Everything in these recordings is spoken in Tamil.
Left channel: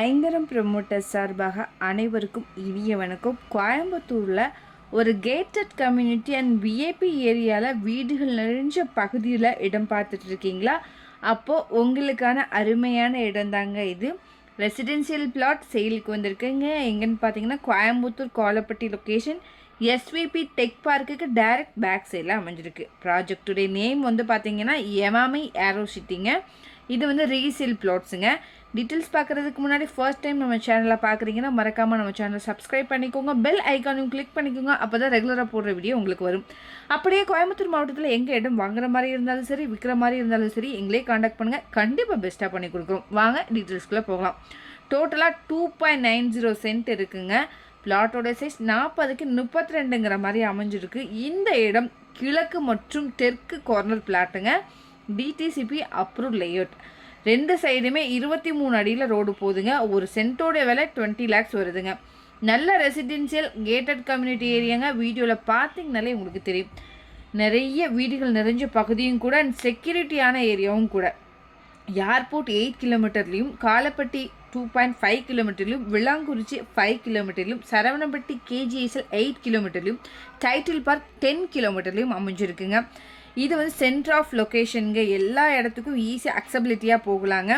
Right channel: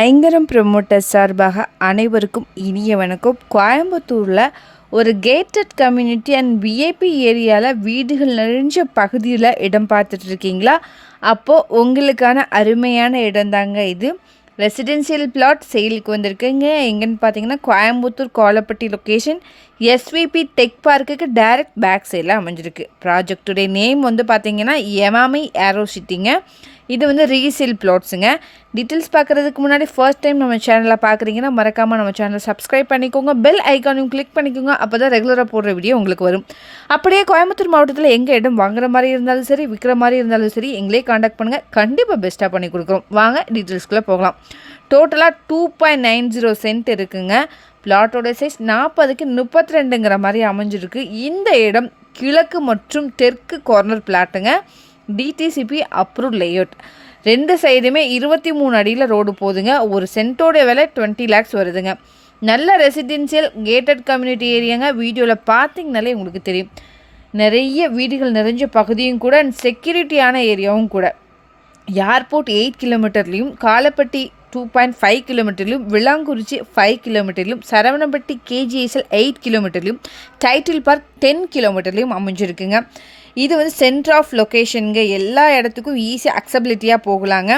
ஐங்கரம் ப்ரமோட்டர் சார்பாக அனைவருக்கும் இனிய வணக்கம். கோயம்புத்தூரில் ஒரு கேட்டட் கம்யூனிட்டி அண்ட் விஐபி ஏரியாவில் வீடுகள் நிறைஞ்ச பகுதியில் இடம் பார்த்துட்ருக்கீங்களா? அப்போது உங்களுக்கான அருமையான இடம் தாங்க இது. ரெசிடென்சியல் பிளாட் சேலுக்கு வந்திருக்குங்க. எங்கன்னு பார்த்தீங்கன்னா கோயம்புத்தூர் கோலப்பட்டி லொக்கேஷன் எஸ்விபி டெக் பார்க்குக்கு டைரக்ட் பேக் சைடில் அமைஞ்சிருக்கு. ப்ராஜெக்டுடைய நேம் பார்த்தீங்கன்னா எமாமி ஏரோ சிட்டிங்க. இது ரீசேல் பிளாட்ஸுங்க. டீட்டெயில்ஸ் பார்க்குறதுக்கு முன்னாடி ஃபர்ஸ்ட் டைம் நம்ம சேனலில் பார்க்குறீங்கன்னா மறக்காமல் நம்ம சேனலை சப்ஸ்கிரைப் பண்ணிக்கோங்க, பெல் ஐக்கானையும் கிளிக் பண்ணிக்கோங்க. அப்போ தான் ரெகுலராக போடுற வீடியோ உங்களுக்கு வரும். அப்படியே கோயம்புத்தூர் மாவட்டத்தில் எங்கள் இடம் வாங்குற மாதிரி இருந்தாலும் சரி, விற்கிற மாதிரி இருந்தாலும் சரி, எங்களே காண்டாக்ட் பண்ணுங்கள். கண்டிப்பாக பெஸ்ட்டாக பண்ணி கொடுக்குறோம். வாங்க டீட்டெயில்ஸ்குள்ளே போகலாம். டோட்டலாக 2.90 சென்ட் இருக்குங்க. பிளாட்டோட சைஸ் 40க்கு 32ங்கிற மாதிரி அமைஞ்சிருக்கு. இந்த இடம் கிழக்கு மற்றும் தெற்கு கார்னர் பிளாட்டுங்க. DTCP approve layout. 2 சைடுமே 23 அடியில் ரோடு போகுதுங்க. ஒரு சென்ட்டோட விலை 20 lakhs வருதுங்க. நல்ல ரெசிடென்சியல் கேட்டட் கம்யூனிட்டி ஏரியாங்க. வீடியோவில் பார்த்தீங்கனாலே உங்களுக்கு தெரியும். நிறைய வீடுகள் நிறைஞ்ச பகுதியும் கூட, செக்யூரிட்டியான ஏரியாவும் கூட. ஏர்போர்ட் 8 கிலோமீட்டர்லேயும், காலப்பட்டி 2.5 கிலோமீட்டர்லையும், விளாங்குறிச்சி 5 கிலோமீட்டர்லையும், சரவணம்பட்டி கேஜிஎஸ்எல் 8 கிலோமீட்டர்லையும், டைட்டில் பார்க் 10 கிலோமீட்டர்லையும் அமைஞ்சிருக்குங்க. இது சென்டர் ஆஃப் லொக்கேஷனுங்க. எல்லா இடத்துக்கும் ஈஸியாக அக்சபிலிட்டியாக போகலாங்க.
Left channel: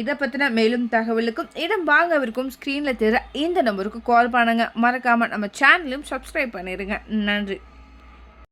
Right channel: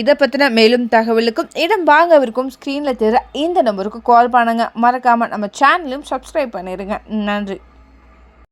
இதை பற்றின மேலும் தகவலுக்கும் இடம் வாங்கவிருக்கும் ஸ்க்ரீனில் தெரிய இந்த நம்பருக்கு கால் பண்ணுங்கள். மறக்காமல் நம்ம சேனலையும் சப்ஸ்கிரைப் பண்ணிடுங்க. நன்றி.